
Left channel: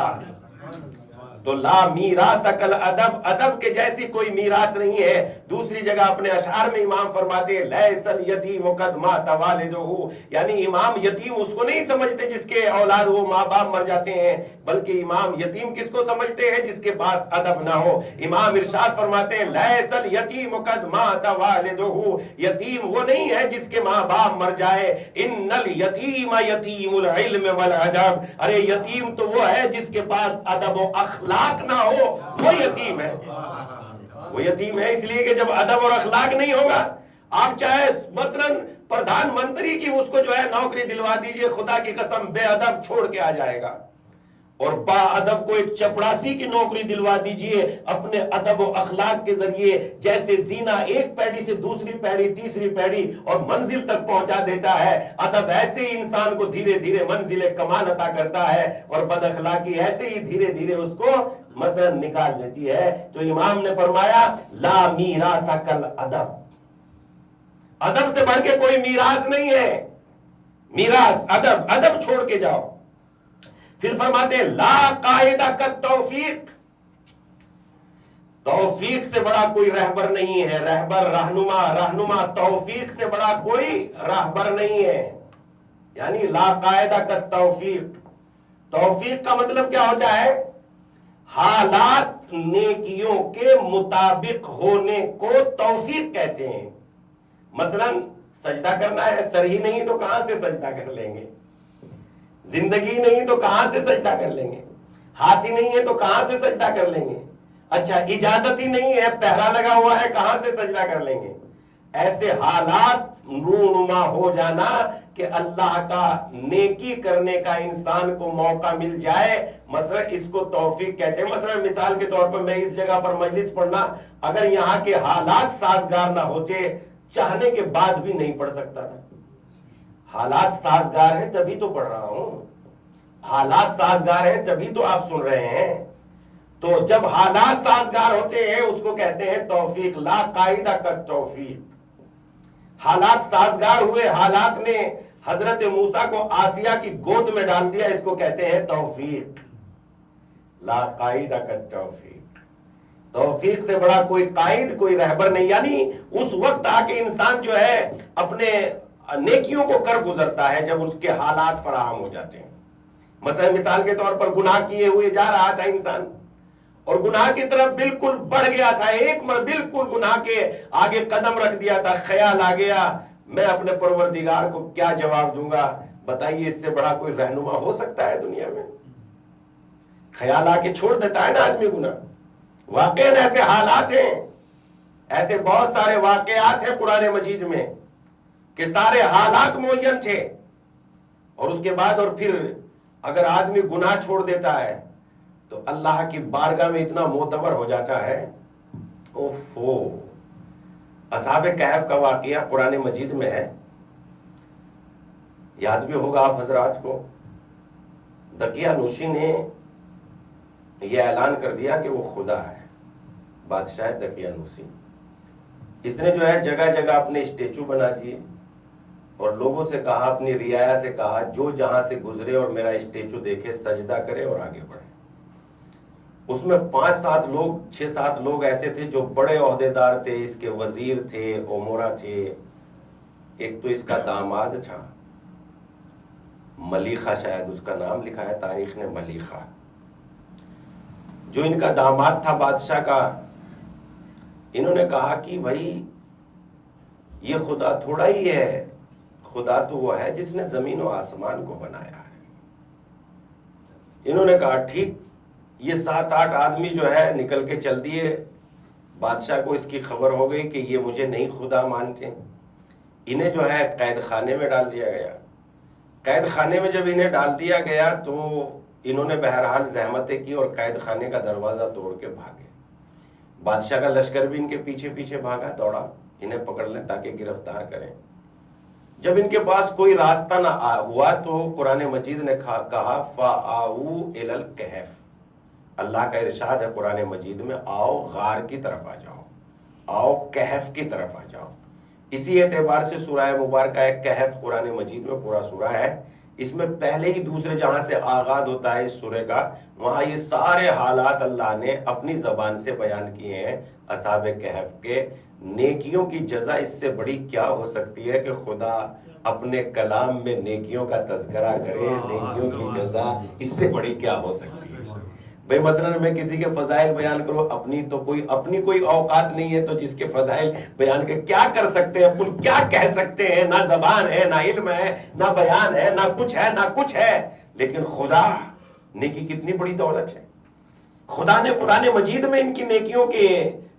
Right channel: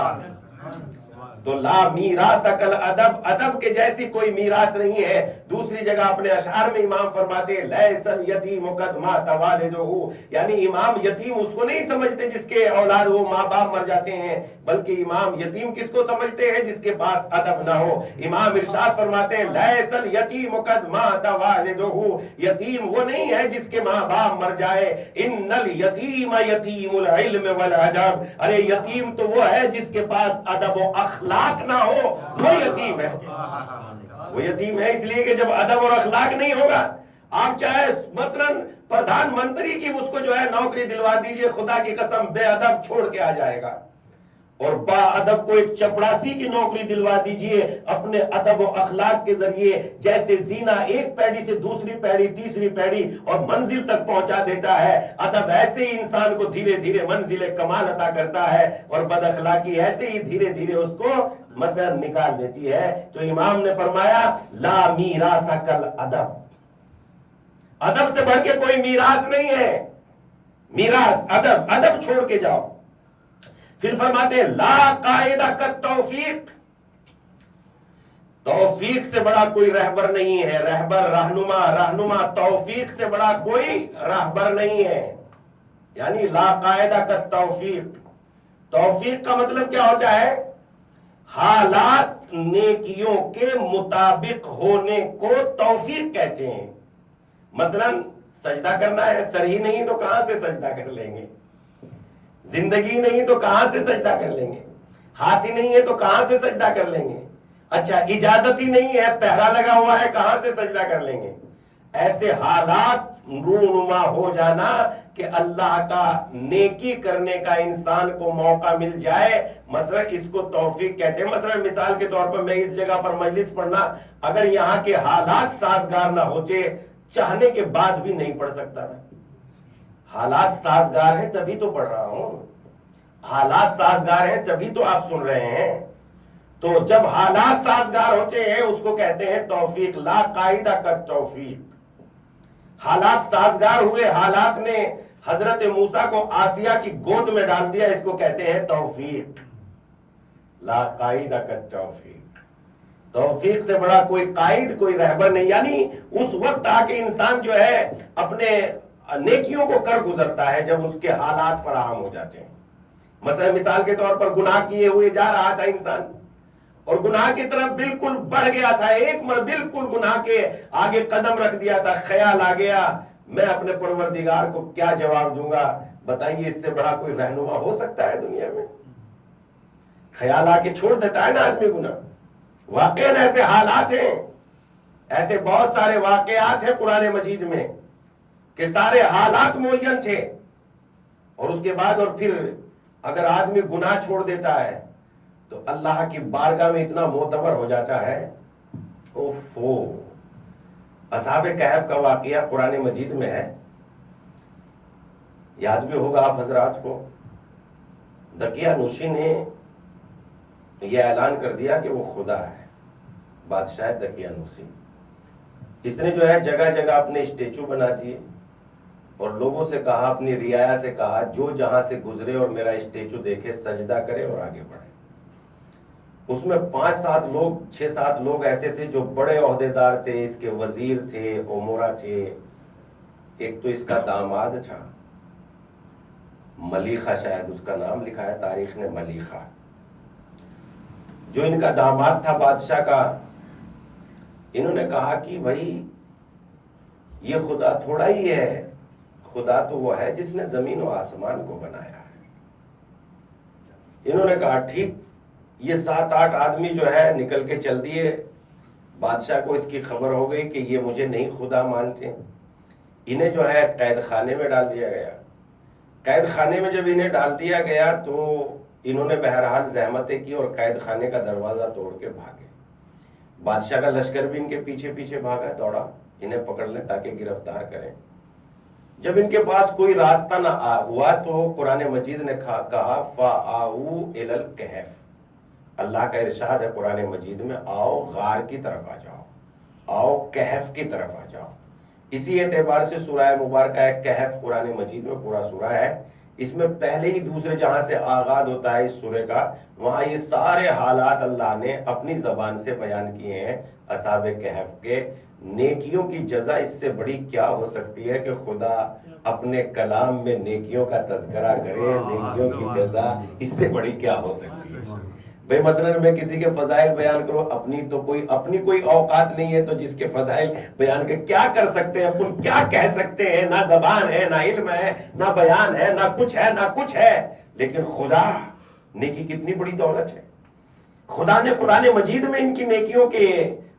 تو لا میراث کل ادب، ادب کے جیسی کوئی میراث نہیں ہے. دوسری جگہ اپنے اشعار میں امام فرماتے ہیں لیس الیتیم قد مات والدہ، یعنی امام یتیم اس کو نہیں سمجھتے جس کے اولاد وہ ماں باپ مر جاتے ہیں، بلکہ امام یتیم کس کو سمجھتے ہیں؟ جس کے پاس ادب نہ ہو. امام ارشاد فرماتے ہیں لیس الیتیم قد مات والدہ، یتیم وہ نہیں ہے جس کے ماں باپ مر جائے. ان الیتیم یتیم العلم والادب، ارے یتیم تو وہ ہے جس کے پاس ادب و اخلاق نہ ہو، وہ یتیم ہے. وہ یتیم ہے اس لیے کہ جب ادب اور اخلاق نہیں ہوگا، آپ چاہے مثلاً پردھان منتری کی اس کو جو ہے نوکری دلوا دیجئے، خدا کی قسم بے ادب چھوڑ کے آ جائے گا. اور با ادب کو ایک چپڑاسی کی نوکری دلوا دیجئے اپنے ادب و اخلاق کے ذریعے، جیسے زینہ ایک پیڑھی سے دوسری پیڑھی، تیسری پیڑھی اور منزل تک پہنچا دیتا ہے، ادب ایسے ہی انسان کو دھیرے دھیرے منزل کمال عطا کرتا ہے، اور بد اخلاقی ایسے ہی دھیرے دھیرے اس کو مثلا نکال دیتی ہے. تو امام نے فرمایا لا میراث کل ادب، ادب سے بڑھ کے کوئی میراث نہیں ہے. میراث ادب، ادب چھوڑ کے جاؤ. پھر فرماتے ہیں لا قائدہ کا توفیق، توفیق سے بڑا کوئی رہبر نہیں ہے. رہبر رہنما، رہنما توفیق سے بڑا کوئی رہبر نہیں ہے. یعنی لا قاعدہ کا توفیق. توفیق کا مطلب کیا ہوتا ہے؟ حالات نیکیوں کے مطابق ہونے کو توفیق کہتے ہیں. مثلا سجدہ کرنا ہے، سر ہی نہیں تو کہاں سے سجدہ کر لیں گے؟ زندگی نہیں تو کہاں سے سجدہ کر لیں گے؟ ہاتھ ہی نہیں ہے تو کہاں سے سجدہ کر لیں گے؟ اچھا اجازت ہی نہیں ہے، پہرا لگا ہوا ہے، کہاں سے سجدہ کر لیں گے؟ ایسے حالات رونما ہو جانا کہ اللہ کا نیکی کرنے کا انسان کو موقع مل جائے، مثلا اس کو توفیق کہتے ہیں. مثلا مثال کے طور پر میں اس جگہ پر مجلس پڑھنا، اگر یہاں کے حالات سازگار نہ ہوتے چاہنے کے بعد بھی نہیں پڑھ سکتا تھا. حالات سازگار ہیں تبھی تو پڑھ رہا ہوں، حالات سازگار ہیں تبھی تو آپ سن رہے ہیں. تو جب حالات سازگار ہوتے ہیں اس کو کہتے ہیں توفیق. لا قاعدہ کا توفیق. حالات سازگار ہوئے، حالات نے حضرت موسیٰ کو آسیہ کی گود میں ڈال دیا، اس کو کہتے ہیں توفیق. لا قاعدہ کا توفیق. توفیق سے بڑا کوئی قائد، کوئی رہبر نہیں. یعنی اس وقت آ کے انسان جو ہے اپنے نیکیوں کو کر گزرتا ہے جب اس کے حالات فراہم ہو جاتے ہیں. مثلا مثال کے طور پر گناہ کیے ہوئے جا رہا تھا انسان اور گناہ کی طرف بالکل بڑھ گیا تھا، ایک بالکل گناہ کے آگے قدم رکھ دیا تھا، خیال آ گیا میں اپنے پروردگار کو کیا جواب دوں گا. بتائیے اس سے بڑا کوئی رہنما ہو سکتا ہے دنیا میں؟ خیال آ کے چھوڑ دیتا ہے نا آدمی گناہ. واقعاً ایسے حالات ہیں، ایسے بہت سارے واقعات ہیں قرآن مجید میں کہ سارے حالات معین تھے، اور اس کے بعد اور پھر اگر آدمی گناہ چھوڑ دیتا ہے تو اللہ کی بارگاہ میں اتنا معتبر ہو جاتا ہے. اوفو. اصحاب کہف کا واقعہ قرآن مجید میں ہے، یاد بھی ہوگا آپ حضرات کو. دقیانوسی نے یہ اعلان کر دیا کہ وہ خدا ہے، بادشاہ دقیانوسی. اس نے جو ہے جگہ جگہ اپنے اسٹیچو بنا دیے اور لوگوں سے کہا، اپنی رعایا سے کہا جو جہاں سے گزرے اور میرا اسٹیچو دیکھے سجدہ کرے اور آگے بڑھے. اس میں 6-7 لوگ ایسے تھے جو بڑے عہدیدار تھے، اس کے وزیر تھے، امورا تھے. ایک تو اس کا داماد تھا ملیخہ، شاید اس کا نام لکھا ہے تاریخ نے ملیخہ. جو ان کا داماد تھا بادشاہ کا، انہوں نے کہا کہ بھائی یہ خدا تھوڑا ہی ہے، خدا تو وہ ہے جس نے زمین و آسمان کو بنایا ہے. انہوں نے کہا ٹھیک. یہ 7-8 آدمی جو ہے نکل کے چل دیے. بادشاہ کو اس کی خبر ہو گئی کہ یہ مجھے نہیں خدا مانتے. انہیں جو ہے قید خانے میں ڈال دیا گیا. قید خانے میں جب انہیں ڈال دیا گیا تو انہوں نے بہرحال زحمتیں کی اور قید خانے کا دروازہ توڑ کے بھاگے. بادشاہ کا لشکر بھی ان کے پیچھے پیچھے بھاگا، دوڑا انہیں پکڑ لیں تاکہ گرفتار کریں. جب ان کے پاس کوئی راستہ نہ ہوا تو قرآن مجید نے کہا فَآؤوا إِلَى الْكَهْفِ. اللہ کا ارشاد ہے قرآن مجید میں، آؤ غار کی طرف آ جاؤ، آؤ کہف کی طرف آ جاؤ. اسی اعتبار سے سورہ مبارکہ ہے کہف قرآن مجید میں پورا سورہ ہے. اس میں پہلے ہی دوسرے جہاں سے آغاز ہوتا ہے اس سورے کا، وہاں یہ سارے حالات اللہ نے اپنی زبان سے بیان کیے ہیں اصحاب کہف کے. نیکیوں کی جزا اس سے بڑی کیا ہو سکتی ہے کہ خدا اپنے کلام میں نیکیوں کا تذکرہ کرے. نیکیوں کی جزا اس سے بڑی کیا ہو سکتی ہے؟ بھئی مثلا میں کسی کے فضائل بیان کروں، اپنی کوئی اوقات نہیں ہے تو جس کے فضائل بیان کے کیا کر سکتے ہیں، اپن کیا کہہ سکتے ہیں؟ نہ زبان ہے، نہ علم ہے، نہ بیان ہے، نہ کچھ ہے. لیکن خدا، نیکی کتنی بڑی دولت ہے. خدا نے قرآن مجید میں ان کی نیکیوں کے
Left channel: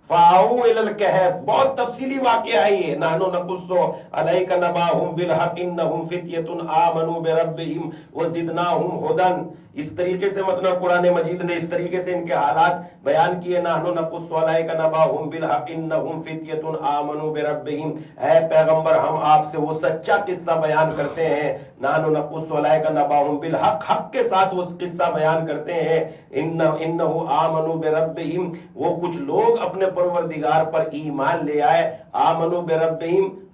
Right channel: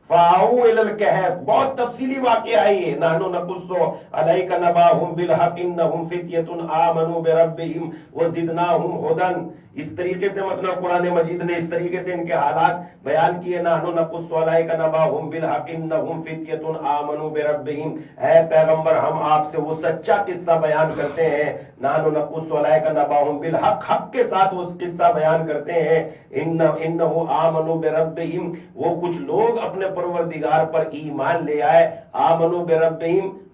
فَآؤوا إِلَى الْكَهْفِ بہت تفصیلی واقعہ ہے یہ. نَحْنُ نَقُصُّ عَلَيْكَ نَبَأَهُمْ بِالْحَقِّ إِنَّهُمْ فِتْيَةٌ آمَنُوا بِرَبِّهِمْ وَزِدْنَاهُمْ هُدًى. اس طریقے سے مطلب قرآن مجید نے اس طریقے سے ان کے حالات بیان کیے. نَحْنُ نَقُصُّ عَلَيْكَ نَبَأَهُمْ بِالْحَقِّ إِنَّهُمْ فِتْيَةٌ آمَنُوا بِرَبِّهِمْ. اے پیغمبر ہم آپ سے وہ سچا قصہ بیان کرتے ہیں. نَحْنُ نَقُصُّ عَلَيْكَ نَبَأَهُمْ بِالْحَقِّ، حق کے ساتھ وہ قصہ بیان کرتے ہیں. إِنَّهُ آمَنُوا بِرَبِّهِمْ، وہ کچھ لوگ اپنے پروردگار پر ایمان لے آئے. آمنوا بربہم،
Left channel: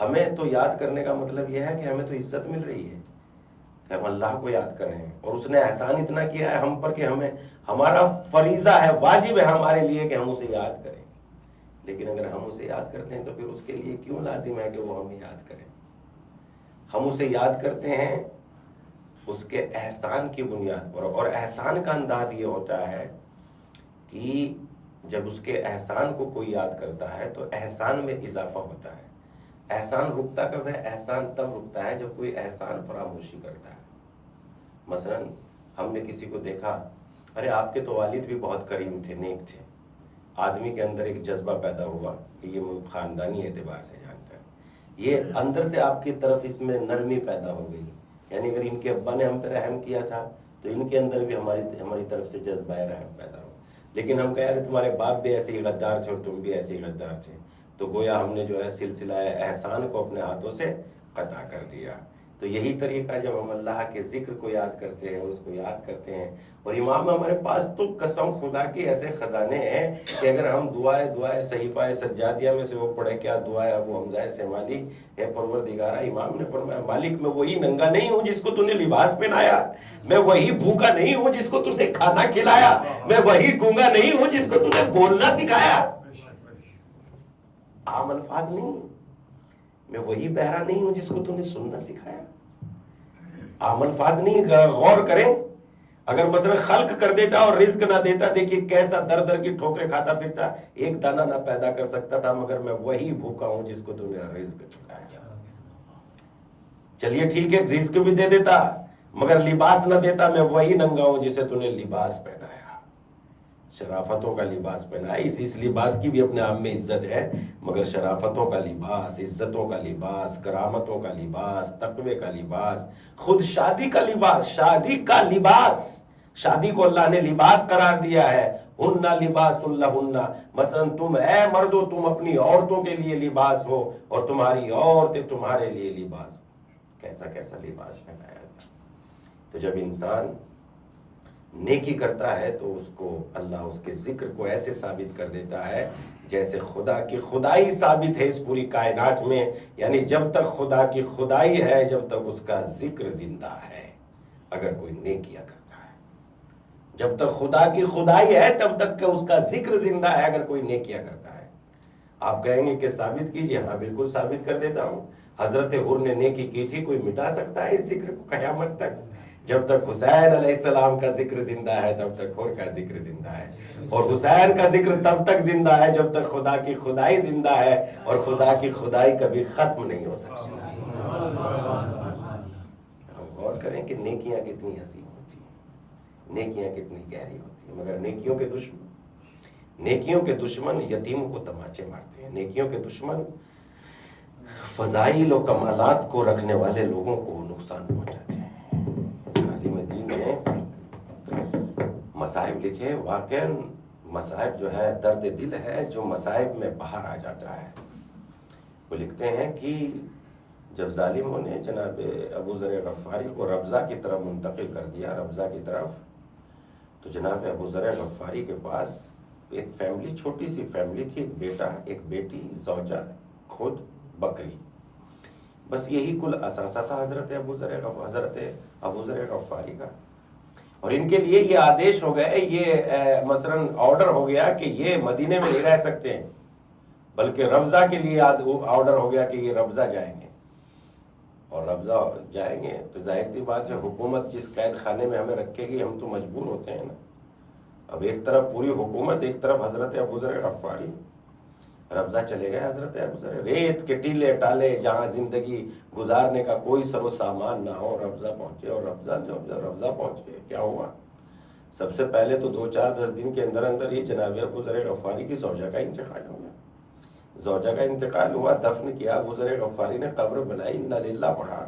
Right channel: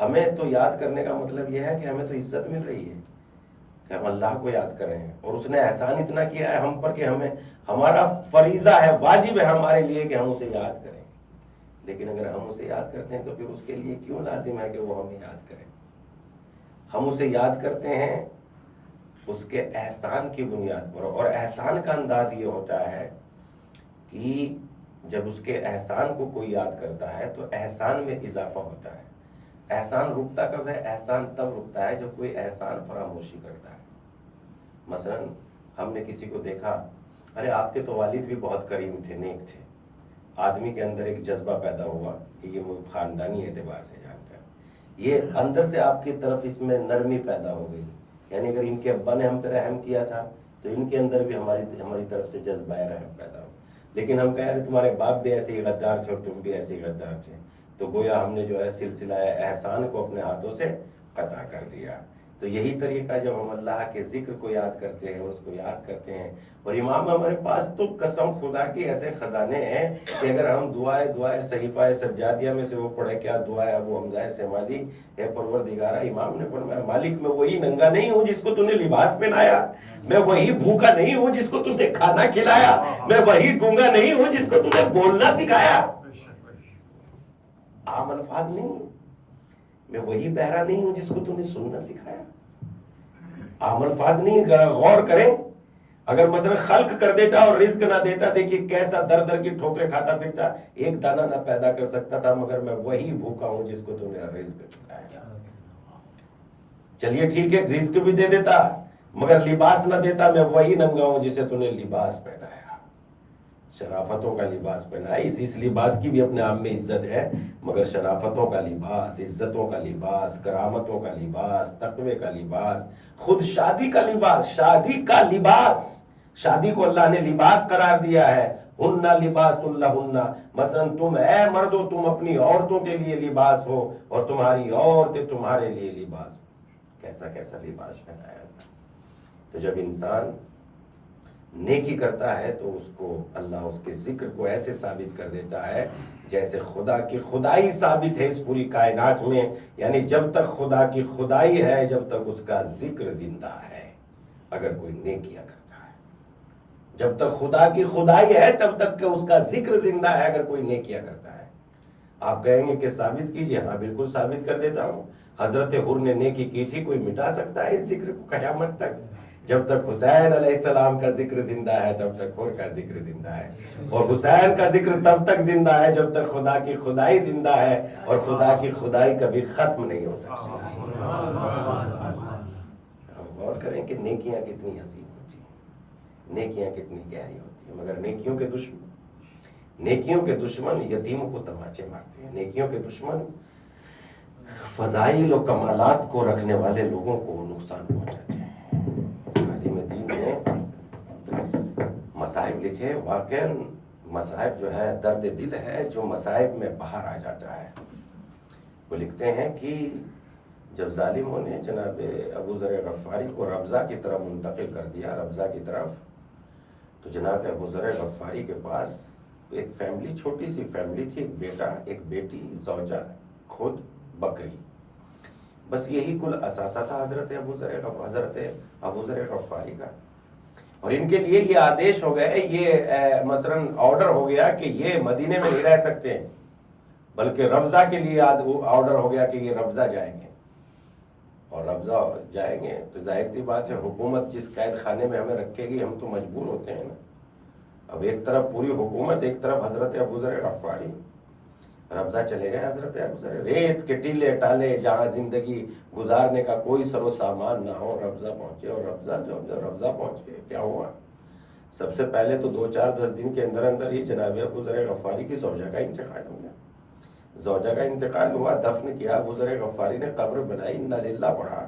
ہمیں تو یاد کرنے کا مطلب یہ ہے کہ ہمیں تو عزت مل رہی ہے کہ ہم اللہ کو یاد کر رہے ہیں، اور اس نے احسان اتنا کیا ہے ہم پر کہ ہمیں ہمارا فریضہ ہے، واجب ہے ہمارے لیے کہ ہم اسے یاد کریں۔ لیکن اگر ہم اسے یاد کرتے ہیں تو پھر اس کے لیے کیوں لازم ہے کہ وہ ہمیں یاد کریں؟ ہم اسے یاد کرتے ہیں اس کے احسان کی بنیاد پر، اور احسان کا انداز یہ ہوتا ہے کہ جب اس کے احسان کو کوئی یاد کرتا ہے تو احسان میں اضافہ ہوتا ہے۔ احسان رکتا کب ہے؟ احسان تب رکتا ہے جب کوئی احسان فراموشی کرتا ہے۔ مثلا ہم نے کسی کو دیکھا، ارے آپ کے تو والد بھی بہت کریم تھے، نیک تھے، آدمی کے اندر ایک جذبہ پیدا ہوا کہ یہ خاندانی اعتبار سے جانتا ہے، یہ اندر سے آپ کی طرف اس میں نرمی پیدا ہو گئی، یعنی اگر ان کے ابا نے ہم پہ رحم کیا تھا تو ان کے اندر بھی ہماری طرف سے جذبہ رحم پیدا ہو۔ لیکن ہم کہہ رہے تمہارے باپ بھی ایسے ہی غدار تھے اور تم بھی ایسے ہی غدار تھے، تو گویا ہم نے جو ہے سلسلہ احسان کو اپنے ہاتھوں سے قطع کر دیا۔ تو یہی طریقہ جب ہم اللہ کے ذکر کو یاد کرتے ہیں اور اس کو یاد کرتے ہیں، اور امام ہمارے پاس تو قسم خدا کے ایسے خزانے ہیں کہ اگر ہم دعائے صحیفہ سجادیہ میں سے وہ پڑھے، کیا دعا ہے ابو حمزہ سیمالی، اے پروردگارہ، امام نے فرمایا مالک میں وہی ننگا نہیں ہوں جس کو تو نے لباس پہنایا، میں وہی بھوکا نہیں ہوں جس کو تو نے کھانا کھلایا، میں وہی گونگا نہیں ہوں جس کو تو نے بولنا سکھایا۔ عام الفاظ نہیں، میں وہی بہرا نہیں ہوں جس کو تو نے سننا سکھایا۔ عام الفاظ نہیں، غور کریں، اگر مثلا خلق کر دیتا اور رزق نہ دیتا، دیکھیے کیسا در در کی ٹھوکریں کھاتا پھرتا، ایک دانہ نہ پیدا کر سکتا تھا، مگر میں وہی بھوکا ہوں جس کو تو نے رزق کھلایا۔ چلیے ٹھیک ہے، رزق بھی دے دیتا مگر لباس نہ دیتا، میں وہی ننگا ہوں جسے تو نے لباس پہنایا، شرافتوں کا لباس پہنایا۔ اس لباس کی بھی اپنے آپ میں عزت ہے، مگر شرافتوں کا لباس، عزتوں کا لباس، کرامتوں کا لباس، تقوی کا لباس، خود شادی کا لباس، شادی کا لباس، شادی کو اللہ نے لباس قرار دیا ہے۔ ہن لباس لہن، مثلا تم اے مردو تم اپنی عورتوں کے لیے لباس ہو اور تمہاری عورتیں تمہارے لیے لباس ہو۔ کیسا کیسا لباس پہنایا۔ تو جب انسان نیکی کرتا ہے تو اس کو اللہ اس کے ذکر کو ایسے ثابت کر دیتا ہے جیسے خدا کی خدائی ثابت ہے اس پوری کائنات میں، یعنی جب تک خدا کی خدائی ہے جب تک اس کا ذکر زندہ ہے اگر کوئی نیکیاں کرتا ہے، جب تک خدا کی خدائی ہے تب تک کہ اس کا ذکر زندہ ہے اگر کوئی نیکیاں کرتا ہے۔ آپ کہیں گے کہ ثابت کیجئے، ہاں بالکل ثابت کر دیتا ہوں۔ حضرت حر نے نیکی کی تھی، کوئی مٹا سکتا ہے اس ذکر کو قیامت تک؟ جب تک حسین علیہ السلام کا ذکر زندہ ہے تب تک حر کا ذکر زندہ ہے، اور حسین کا ذکر تب تک زندہ ہے جب تک خدا کی خدائی زندہ ہے، اور خدا کی خدائی کبھی ختم نہیں ہو سکتی۔ ہم غور کریں کہ نیکیاں کتنی عظیم ہوتی ہیں، نیکیاں کتنی گہری ہوتی ہیں، مگر نیکیوں کے دشمن یتیموں کو تماچے مارتے ہیں، نیکیوں کے دشمن فضائل و کمالات کو رکھنے والے لوگوں کو نقصان پہنچاتے ہیں۔ عالم دین نے مصائب لکھے، واقعاً مصائب جو ہے درد دل ہے جو مصائب میں باہر آ جاتا ہے۔ وہ لکھتے ہیں کہ جب ظالموں نے جناب ابو ذر غفاری کو ربضہ کی طرف منتقل کر دیا، ربضہ کی طرف، تو جناب ابو ذر غفاری کے پاس ایک فیملی، چھوٹی سی فیملی تھی، ایک بیٹا، ایک بیٹی، زوجہ، خود، بکری، بس یہی کل اثاثہ تھا حضرت ابو ذر غفاری کا۔ اور ان کے لیے یہ آدیش ہو گئے، یہ مثلاً آرڈر ہو گیا کہ یہ مدینے میں نہیں رہ سکتے ہیں، بلکہ ربضہ کے لیے آرڈر ہو گیا کہ یہ ربضہ جائیں گے، اور ربضہ جائیں گے تو ظاہر سی بات ہے حکومت جس قید خانے میں ہمیں رکھے گی ہم تو مجبور ہوتے ہیں نا۔ اب ایک طرف پوری حکومت، ایک طرف حضرت ابو ذر غفاری۔ ربضہ چلے گئے حضرت ابو ذر، ریت کے ٹیلے ٹالے جہاں زندگی گزارنے کا کوئی سر و سامان نہ ہو، ربضہ پہنچے، اور ربضہ پہنچے کیا ہوا؟ سب سے پہلے تو 2-4-10 دن کے اندر اندر ہی جناب ابو ذر غفاری کی زوجہ کا انتقال ہو گیا۔ زوجہ کا انتقال ہوا، دفن کیا، ابو ذر غفاری نے قبر بنائی، انا للہ پڑھا۔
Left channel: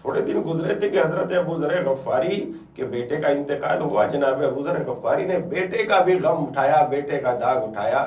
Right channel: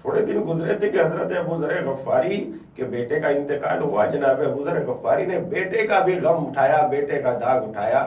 تھوڑے دن گزرے تھے کہ حضرت ابو ذر غفاری کے بیٹے کا انتقال ہوا، جناب ابو ذر غفاری نے بیٹے کا بھی غم اٹھایا، بیٹے کا داغ اٹھایا